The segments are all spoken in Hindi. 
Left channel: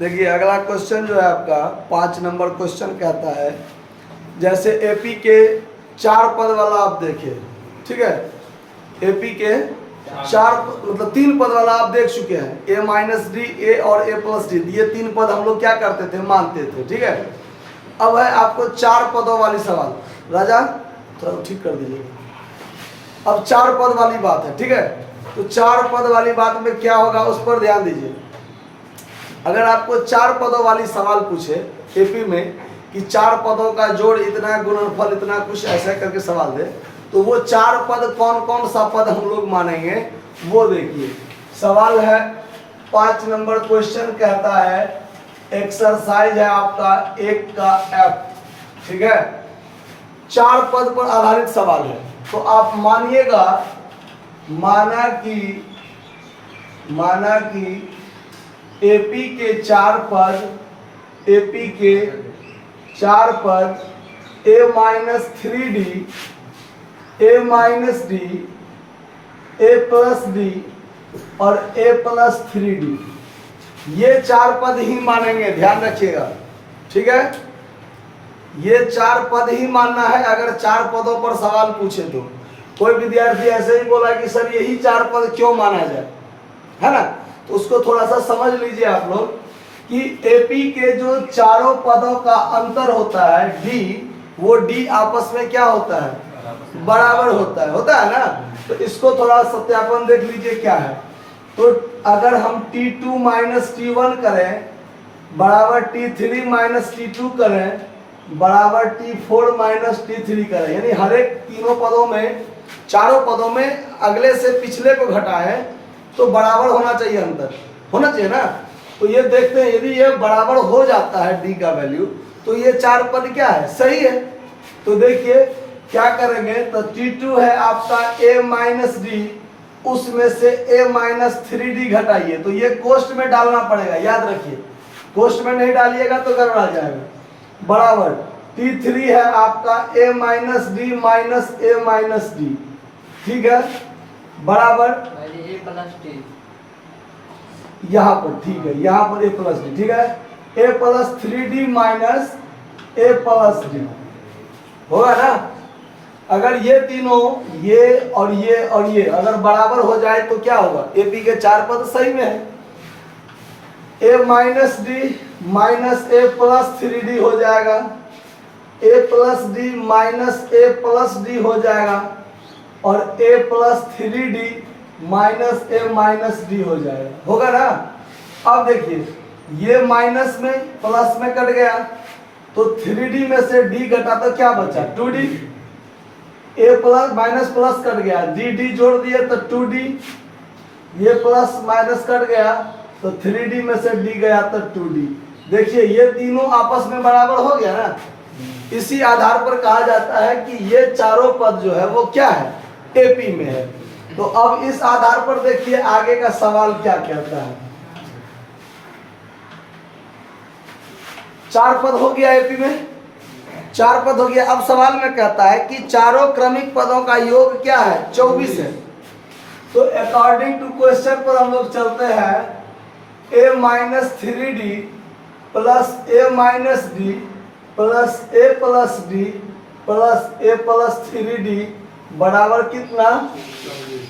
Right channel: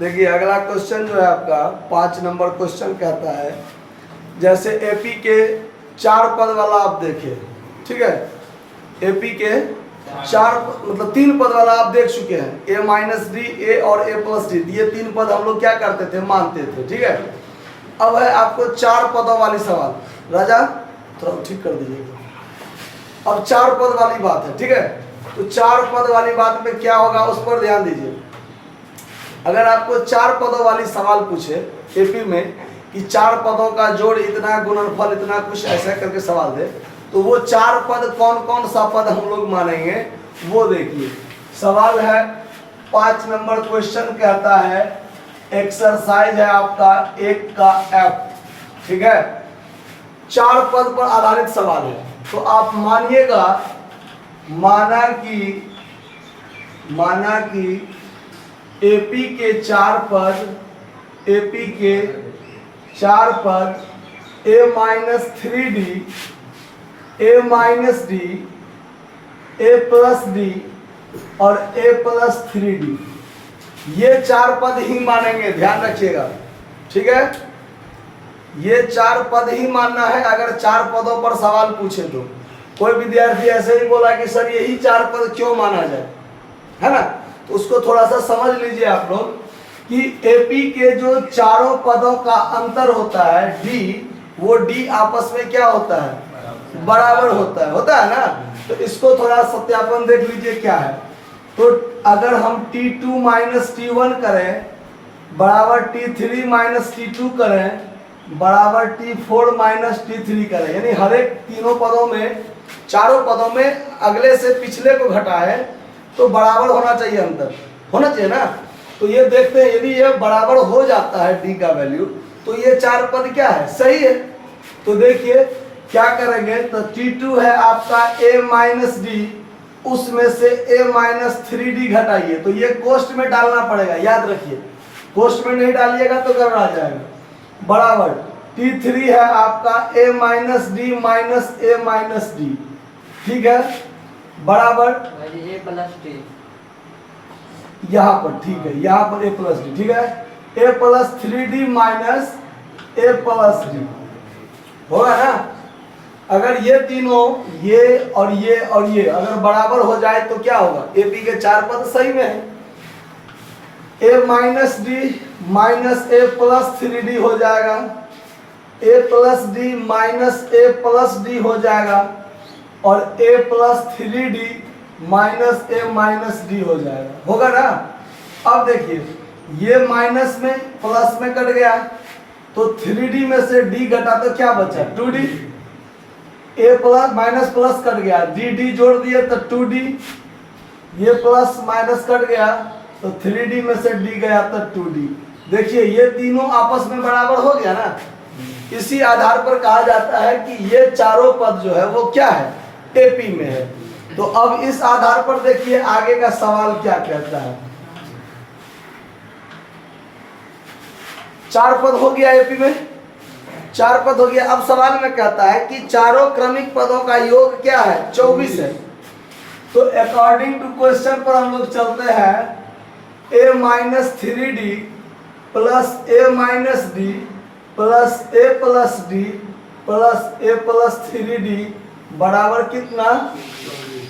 देखिए अगला क्वेश्चन जो है आपका 5 नंबर क्वेश्चन कहता है, जैसे एपी के 4 पद वाला आप देखिए, ठीक है। एपी के 4 मतलब 3 पद वाला आप देख चुके हैं, ए माइनस डी, ए और ए प्लस डी, ये 3 पद हम लोग क्या करते थे, मानते थे, ठीक है। अब है आपको 4 पदों वाली सवाल। राजा थोड़ा ठीक कर दीजिए। अब 4 पद वाली बात है, ठीक है। तो 4 पद वाली बात में क्या होगा उस पर ध्यान दीजिए। अगर आपको 4 पदों वाली सवाल पूछे एपी में कि 4 पदों का जोड़ इतना, गुणनफल इतना, कुछ ऐसा करके सवाल दे, तो वो 4 पद कौन कौन सा पद हम लोग मानेंगे वो देखिए। सवाल है 5 नंबर क्वेश्चन कहता है, एक्सरसाइज है आपका 1 का एफ, ठीक है। 4 पद पर आधारित सवाल है, तो आप मानिएगा, माना कि एपी के 4 पद, एपी के 4 पद ए माइनस 3D, ए माइनस डी, ए प्लस डी और ए प्लस 3D, ये 4 पद ही मानेंगे, ध्यान रखिएगा, ठीक है। ये 4 पद ही मानना है। अगर 4 पदों पर सवाल पूछे तो कोई विद्यार्थी ऐसे ही बोला कि सर यही 4 पद क्यों माना जाए, है ना, तो उसको थोड़ा सा समझ लीजिए आप लोग कि एपी के जो चारों पदों का अंतर होता है डी, वो डी आपस में क्या होता है, बराबर होता है ना। तो इसको थोड़ा सत्यापन देख लीजिए क्या है। तो अगर हम T2 माइनस T1 करें बराबर T3 माइनस T2 करें बराबर T4 माइनस T3 करें, यानी हर एक तीनों पदों में, चारों पदों में अगले से पिछले को घटाएं तो बराबर होना चाहिए, अंतर होना चाहिए ना। तो ये देखते हैं, यदि ये बराबर हो जाता है डी का वैल्यू, तो ये 4 पद क्या है, सही है। तो देखिए क्या करेंगे, तो T2 है आपका a माइनस डी, उसमें से a माइनस 3D घटाइए, तो ये कोष्ट में डालना पड़ेगा, याद रखिए, कोष्ट में नहीं डालिएगा तो गड़बड़ा जाएगा। बराबर T3 है आपका a minus D minus a minus D, ठीक है, बराबर a प्लस डी, यहाँ पर, ठीक है, यहाँ पर a प्लस डी, ठीक है, a plus 3D minus a plus D होगा ना। अगर ये तीनों, ये और ये और ये अगर बराबर हो जाए तो क्या होगा, एपी के 4 पद सही में है। a minus D minus a plus 3D हो जाएगा, a plus D minus a plus D हो जाएगा और a plus 3D minus a minus D हो जाएगा, होगा ना। अब देखिए ये माइनस में प्लस में कट गया, तो 3D में से d घटा तो क्या बचा, 2D, a plus minus plus cut गया, डी जोड़ दिए तो 2D, ये प्लस माइनस कट गया तो 3D में से d गया तो 2D। देखिए ये तीनों आपस में बराबर हो गया ना। इसी आधार पर कहा जाता है कि ये चारों पद जो है वो क्या है, एपी में है। तो अब इस आधार पर देखिए आगे का सवाल क्या कहता है। 4 पद हो गया एपी में, 4 पद हो गया। अब सवाल में कहता है कि चारों क्रमिक पदों का योग क्या है, 24 है। तो अकॉर्डिंग टू क्वेश्चन पर हम लोग चलते हैं, a minus 3D plus a minus D plus a plus D plus a plus 3D बराबर कितना,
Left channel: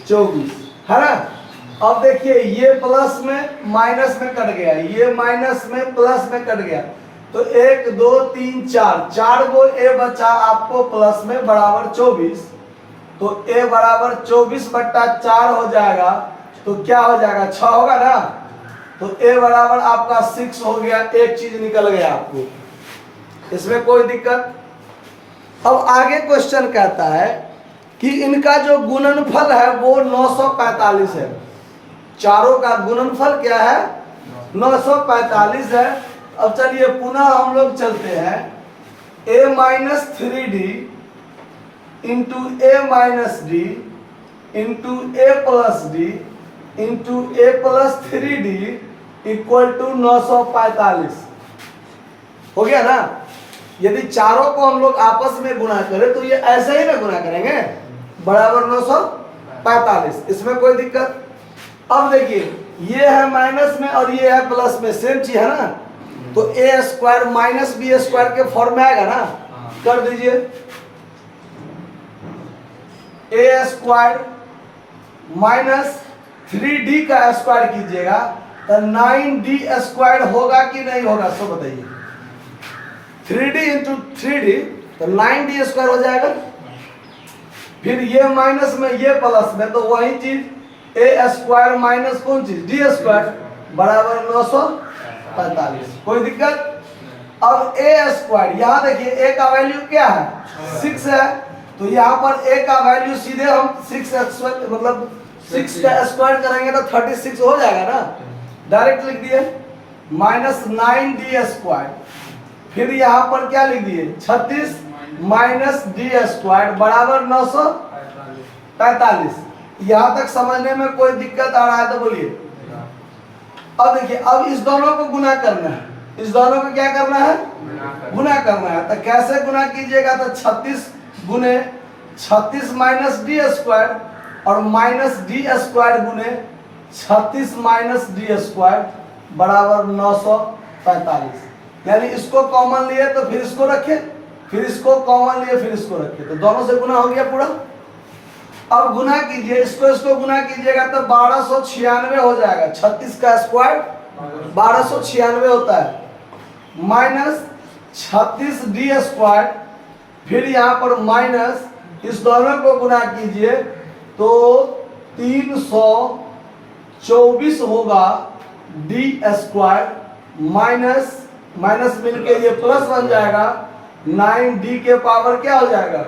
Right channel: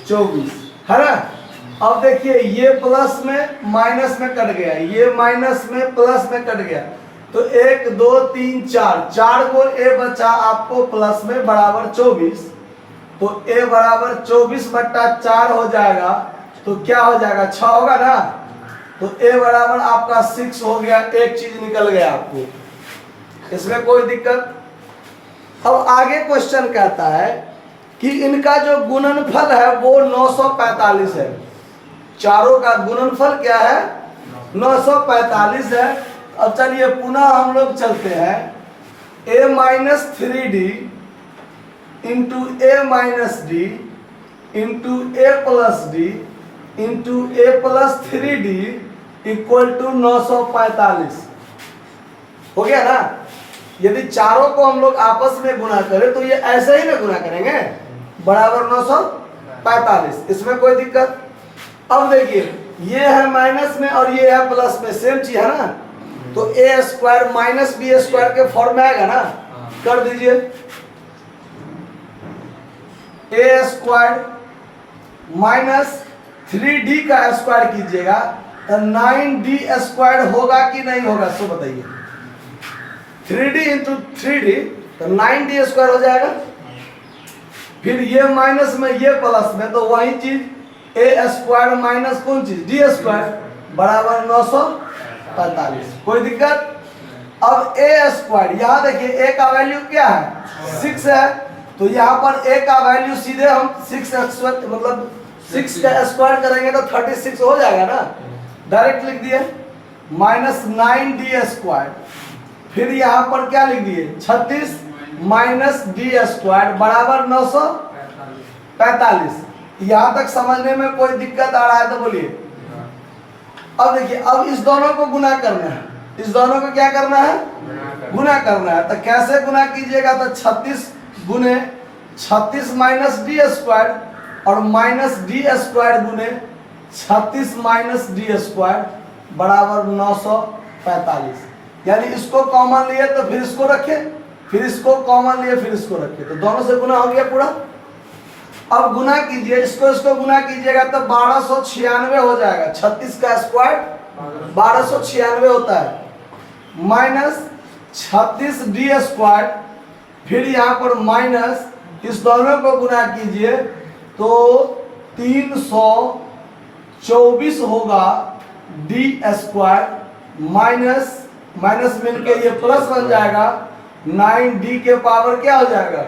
24, है ना। अब देखिए ये प्लस में माइनस में कट गया, ये माइनस में प्लस में कट गया, तो 1 2 3 4 गो a बचा आपको प्लस में बराबर 24। तो a बराबर 24/4 हो जाएगा, तो क्या हो जाएगा, 6 होगा ना। तो a बराबर आपका 6 हो गया, एक चीज निकल गया आपको, इसमें कोई दिक्कत। अब आगे क्वेश्चन कहता है कि इनका जो गुणनफल है वो 945 है। चारों का गुणनफल क्या है, 945 है। अब चलिए पुनः हम लोग चलते हैं, a minus 3D into a minus d into a plus d into a plus 3D equal to 945 हो गया ना। यदि चारों को हम लोग आपस में गुणा करें तो ये ऐसे ही ना गुणा करेंगे, बराबर 945, इसमें कोई दिक्कत। अब देखिए ये है माइनस में और ये है प्लस में, सेम चीज है ना। तो ए स्क्वायर माइनस बी स्क्वायर के फॉर्म में आएगा ना, कर दीजिए। ए स्क्वायर माइनस 3d का स्क्वायर कीजिएगा तो 9d स्क्वायर होगा कि नहीं होगा, सो बताइए। 3d इंटू 3d तो 9d स्क्वायर हो जाएगा। फिर ये माइनस में ये प्लस में, तो वही चीज ए स्क्वायर माइनस कौन चीज डी स्क्वायर बराबर 945। कोई दिक्कत? अब ए स्क्वायर यहाँ देखिए ए का वैल्यू क्या है 6 है, तो यहाँ पर ए का वैल्यू सीधे हम 6 मतलब 6 का स्क्वायर करेंगे तो 36 हो जाएगा ना, डायरेक्ट लिख दिए माइनस 9d स्क्वायर। फिर यहाँ पर क्या लिख दिए 36 माइनस डी स्क्वायर बराबर 945। यहाँ तक समझने में कोई दिक्कत आ रहा है तो बोलिए। अब देखिए, अब इस दोनों को गुना करना है, इस दोनों को क्या करना है गुना करना है। तो कैसे गुना कीजिएगा, तो 36 गुने 36 माइनस डी स्क्वायर और माइनस डी स्क्वायर गुने 36 माइनस डी स्क्वायर बराबर 945। यानी इसको कॉमन लिए तो फिर इसको रखे, फिर इसको कॉमन लिए फिर इसको रखे, तो दोनों से गुना हो गया पूरा। अब गुना कीजिए, इसको गुना कीजिएगा तो 1296 हो जाएगा। 36 का स्क्वायर 1296 होता है, माइनस 36 डी स्क्वायर, फिर यहाँ पर माइनस, इस दोनों को गुना कीजिए तो 324 होगा डी स्क्वायर, माइनस माइनस मिलके ये प्लस बन जाएगा, 9d के पावर क्या हो जाएगा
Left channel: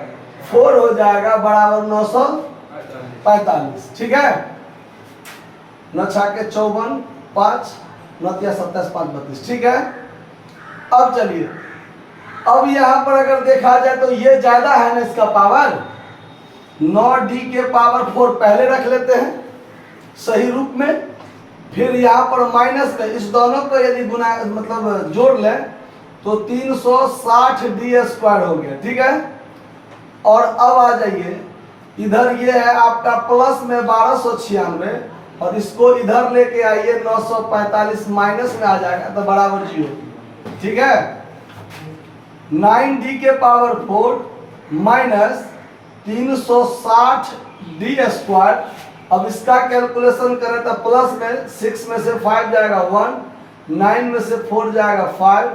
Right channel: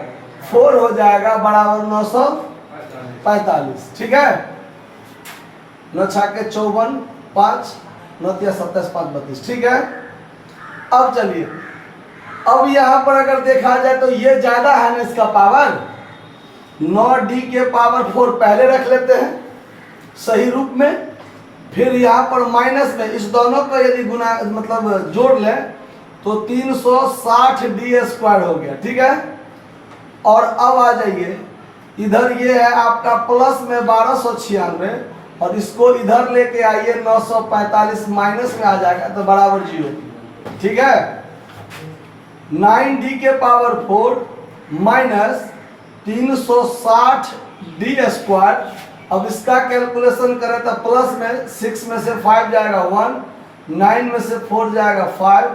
4 हो जाएगा बराबर 945। ठीक है, 9 छाके 54 5 9 27 5 32। ठीक है, अब चलिए, अब यहाँ पर अगर देखा जाए तो ये ज्यादा है ना इसका पावर, 9d के पावर 4 पहले रख लेते हैं सही रूप में, फिर यहाँ पर माइनस में इस दोनों को यदि गुना मतलब जोड़ लें तो 360d स्क्वायर हो गया। ठीक है, और अब आ जाइए इधर, ये है आपका प्लस में 1296 और इसको इधर लेके आइए 945 माइनस में आ जाएगा तो बराबर 0। ठीक है, 9d के पावर 4 माइनस 360d स्क्वायर। अब इसका कैलकुलेशन करें तो प्लस में 6 में से 5 जाएगा 1, 9 में से 4 जाएगा 5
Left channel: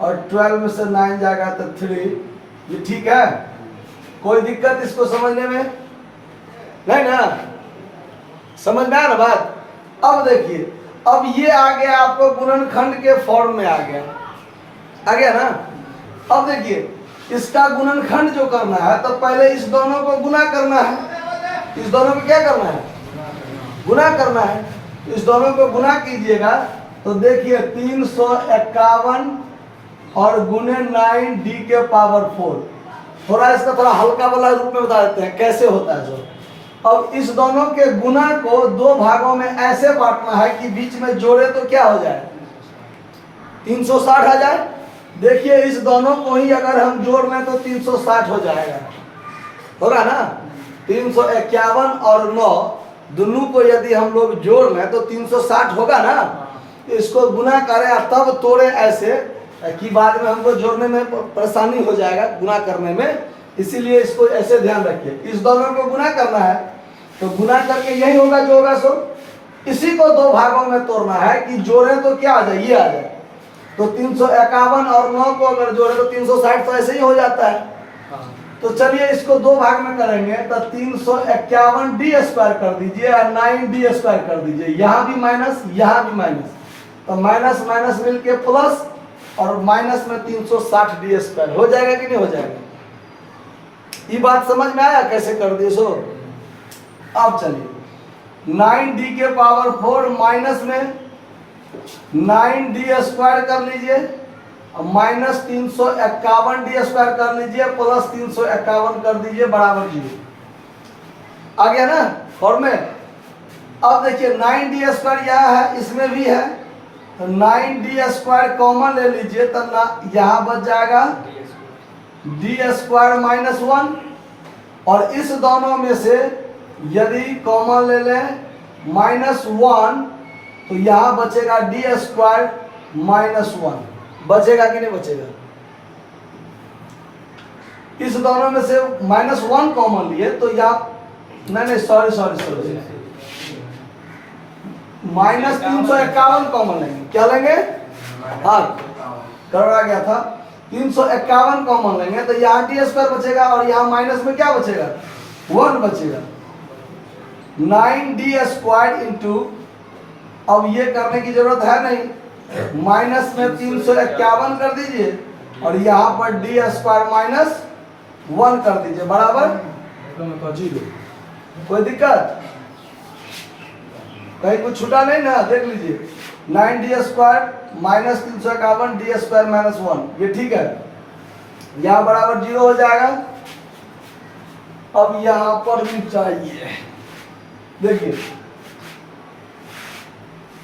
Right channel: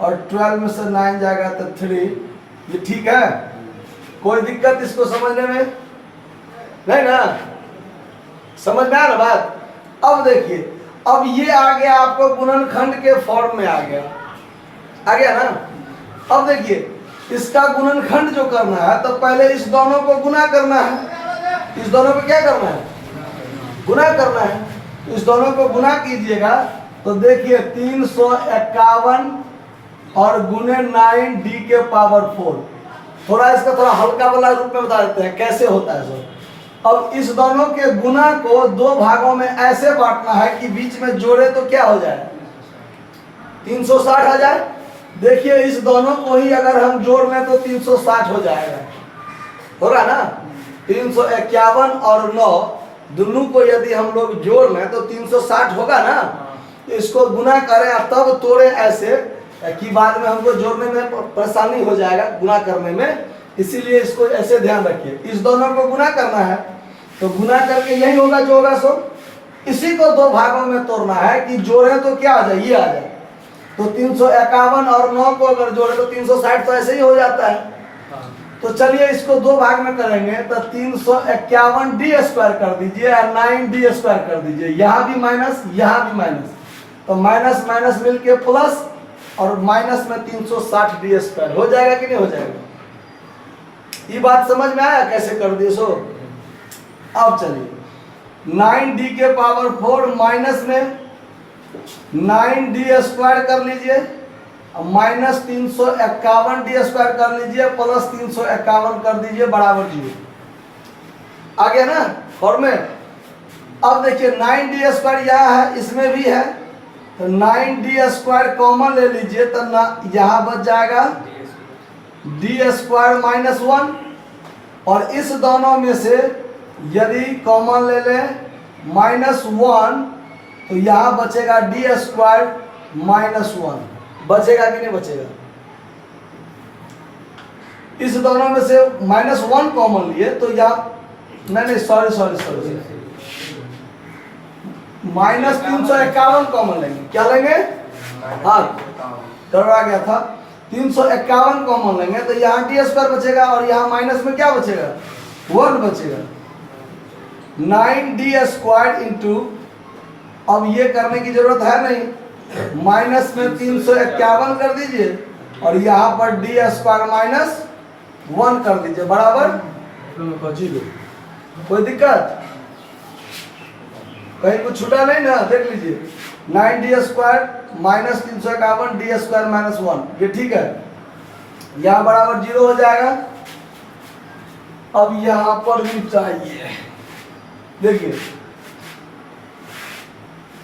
और 12 में से 9 जाएगा तो 3। ये ठीक है, कोई दिक्कत इसको समझने में नहीं ना, समझ में आया ना बात। अब देखिए, अब ये आ गया आपको गुणनखंड के फॉर्म में आ गया ना। अब देखिए, इसका गुणनखंड जो करना है तो पहले इस दोनों को गुना करना है, इस दोनों को क्या करना है गुना करना है। इस दोनों को गुना कीजिएगा तो देखिए 351 और गुने 9d के पावर 4। थोड़ा इसका थोड़ा हल्का वाला रूप में बता देते हैं कैसे होता है सर। अब इस दोनों के गुना को दो भागों में ऐसे बांटना है कि बीच में जोड़े तो क्या हो जाए 360 आ जाए। देखिए, इस दोनों को ही अगर हम जोड़ लें तो 360 हो जाएगा, होगा ना। 351 और 9 दोनों को यदि हम लोग जोड़ लें तो 360 होगा ना। इसको गुना करें तब तोड़े ऐसे कि बाद में हमको जोड़ने में परेशानी हो जाएगा गुना करने में, इसीलिए इसको ऐसे ध्यान रखिए। इस दोनों को गुना करना है तो गुना करके यही होगा जो होगा सो। इसी को दो भागों में तोड़ना है कि जोड़े तो क्या आ जाए, ये आ जाए। तो 351 और 9 को अगर जोड़े तो 360 तो ऐसे ही हो जाता है। तो चलिए इसको दो भाग में करेंगे तो 351d स्क्वायर कर दीजिए और 9d स्क्वायर कर दीजिए, यहाँ भी माइनस यहाँ भी माइनस, तो माइनस माइनस मिलके प्लस और माइनस में 360d स्क्वायर हो जाएगा कि नहीं हो जाएगा। ये बात समझ में आया कैसे कर दिए सो। अब चलिए 9d के पावर 4 माइनस में 9d स्क्वायर कर लीजिए, माइनस 351d स्क्वायर कर लीजिए, प्लस 351 कर दीजिए बराबर 0 आ गया ना फॉर्म में। अब देखिए 9d स्क्वायर यहाँ है, इसमें भी है, तो 9d स्क्वायर कॉमन ले लीजिए तो यहाँ बच जाएगा d स्क्वायर माइनस 1, और इस दोनों में से यदि कॉमन ले लें -1 तो यहाँ बचेगा डी स्क्वायर माइनस 1, बचेगा कि नहीं बचेगा? इस दोनों में से -1 कॉमन लिए तो यहाँ नहीं सॉरी -351 कॉमन लेंगे। क्या लेंगे? हाँ गड़बड़ा गया था। 351 कॉमन लेंगे तो यहाँ डी स्क्वायर बचेगा और यहाँ माइनस में क्या बचेगा? 1 बचेगा। 9d स्क्वायर इंटू, अब ये करने की जरूरत है नहीं, माइनस में 351 कर दीजिए और यहाँ पर डी स्क्वायर माइनस 1 कर दीजिए बराबर 0। कोई दिक्कत? कहीं कुछ छूटा नहीं ना? देख लीजिए 9d square minus 351 D square minus 1, ये ठीक है। यहाँ बराबर 0 हो जाएगा। अब यहाँ पर भी चाहिए, देखिए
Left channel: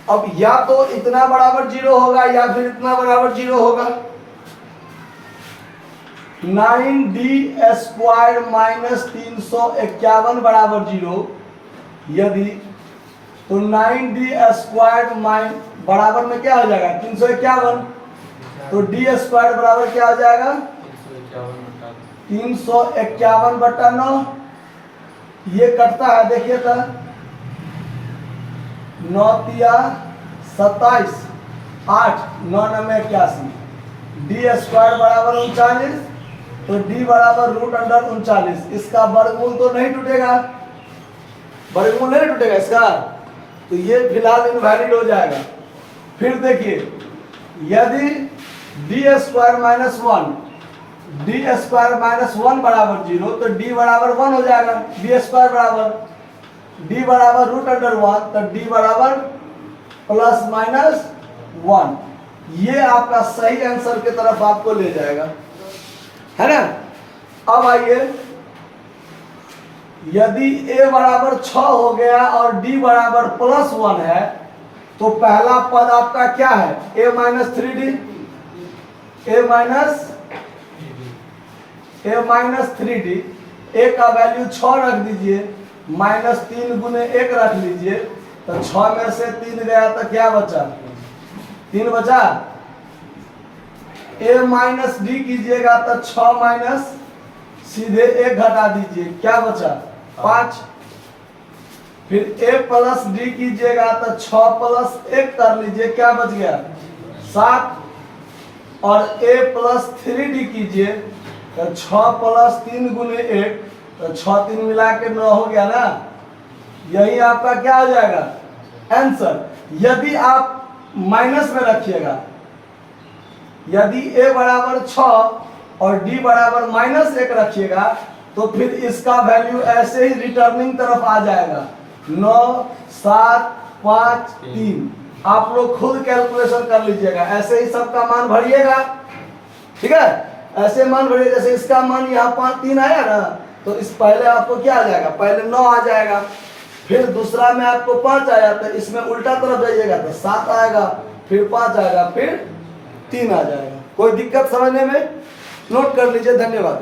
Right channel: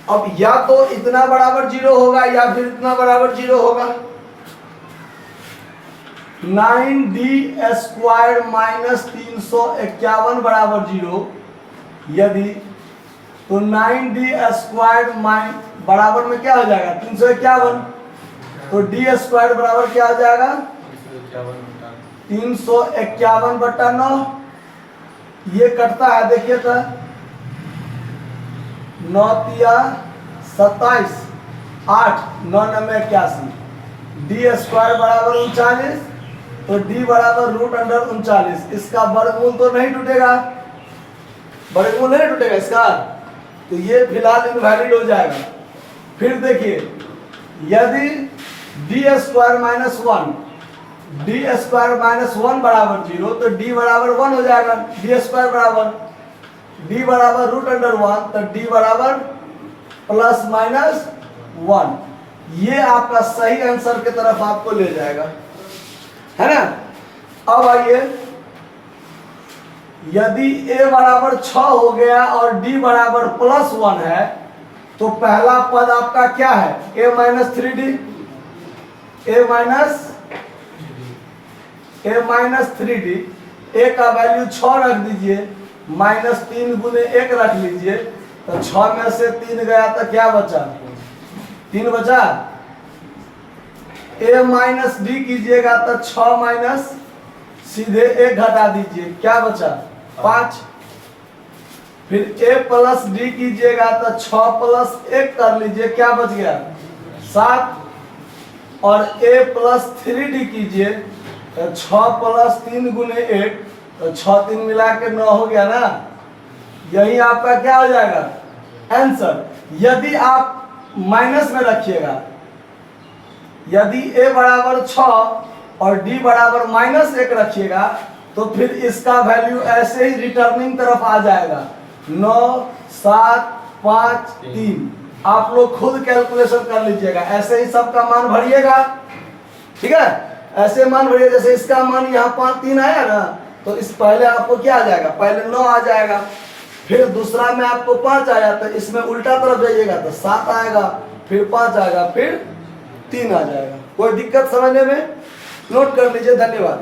अब या तो इतना बराबर 0 होगा या फिर इतना बराबर 0 होगा। 9d स्क्वायर माइनस 351 बराबर 0 यदि, तो 9d स्क्वायर बराबर में क्या हो जाएगा? 351, तो डी स्क्वायर बराबर क्या हो जाएगा? 351/9। ये कटता है, देखिए तो 9 तिया 27, 8 9 9 81, डी स्क्वायर बराबर 39, तो डी बराबर √39। इसका वर्गमूल तो नहीं टूटेगा, वर्गमूल नहीं टूटेगा इसका, तो ये फिलहाल इनवैलिड हो जाएगा। फिर देखिए यदि D square minus 1, D square minus 1 बराबर 0, तो डी बराबर 1 हो जाएगा। डी स्क्वायर बराबर डी बराबर √1, तो डी बराबर ±1। ये आपका सही आंसर की तरफ आपको ले जाएगा, है ना। अब आइए, यदि a बराबर 6 हो गया और d बराबर +1 है, तो पहला पद आपका क्या है? a minus 3d, a minus 3d, a का वैल्यू 6 रख दीजिए, -3 गुने 1 रख लीजिए, तो 6 में से 3 गया तो क्या बचा? 3 बचा। a माइनस d कीजिएगा तो 6 माइनस सीधे 1 घटा दीजिए, क्या बचा? 5। फिर a प्लस d कीजिएगा तो 6 + 1 कर लीजिए, क्या बच गया? 7। और a प्लस 3d कीजिए तो 6 + 3 गुने 1, तो 6 3 मिला के 9 हो गया ना। यही आपका क्या हो जाएगा? आंसर। यदि आप माइनस में रखिएगा, यदि a बराबर 6 और d बराबर -1 रखिएगा, तो फिर इसका वैल्यू ऐसे ही रिटर्निंग तरफ आ जाएगा, 9 7 5 3। आप लोग खुद कैलकुलेशन कर लीजिएगा, ऐसे ही सबका मान भरिएगा, ठीक है। ऐसे मान भरिए, जैसे इसका मान यहाँ 5 3 आया ना, तो इस पहले आपको क्या आ जाएगा? पहले 9 आ जाएगा, फिर दूसरा में आपको 5 आया, तो इसमें उल्टा तरफ जाइएगा तो 7 आएगा, फिर 5 आएगा, फिर 3 आ जाएगा। कोई दिक्कत समझने में? नोट कर लीजिए। धन्यवाद।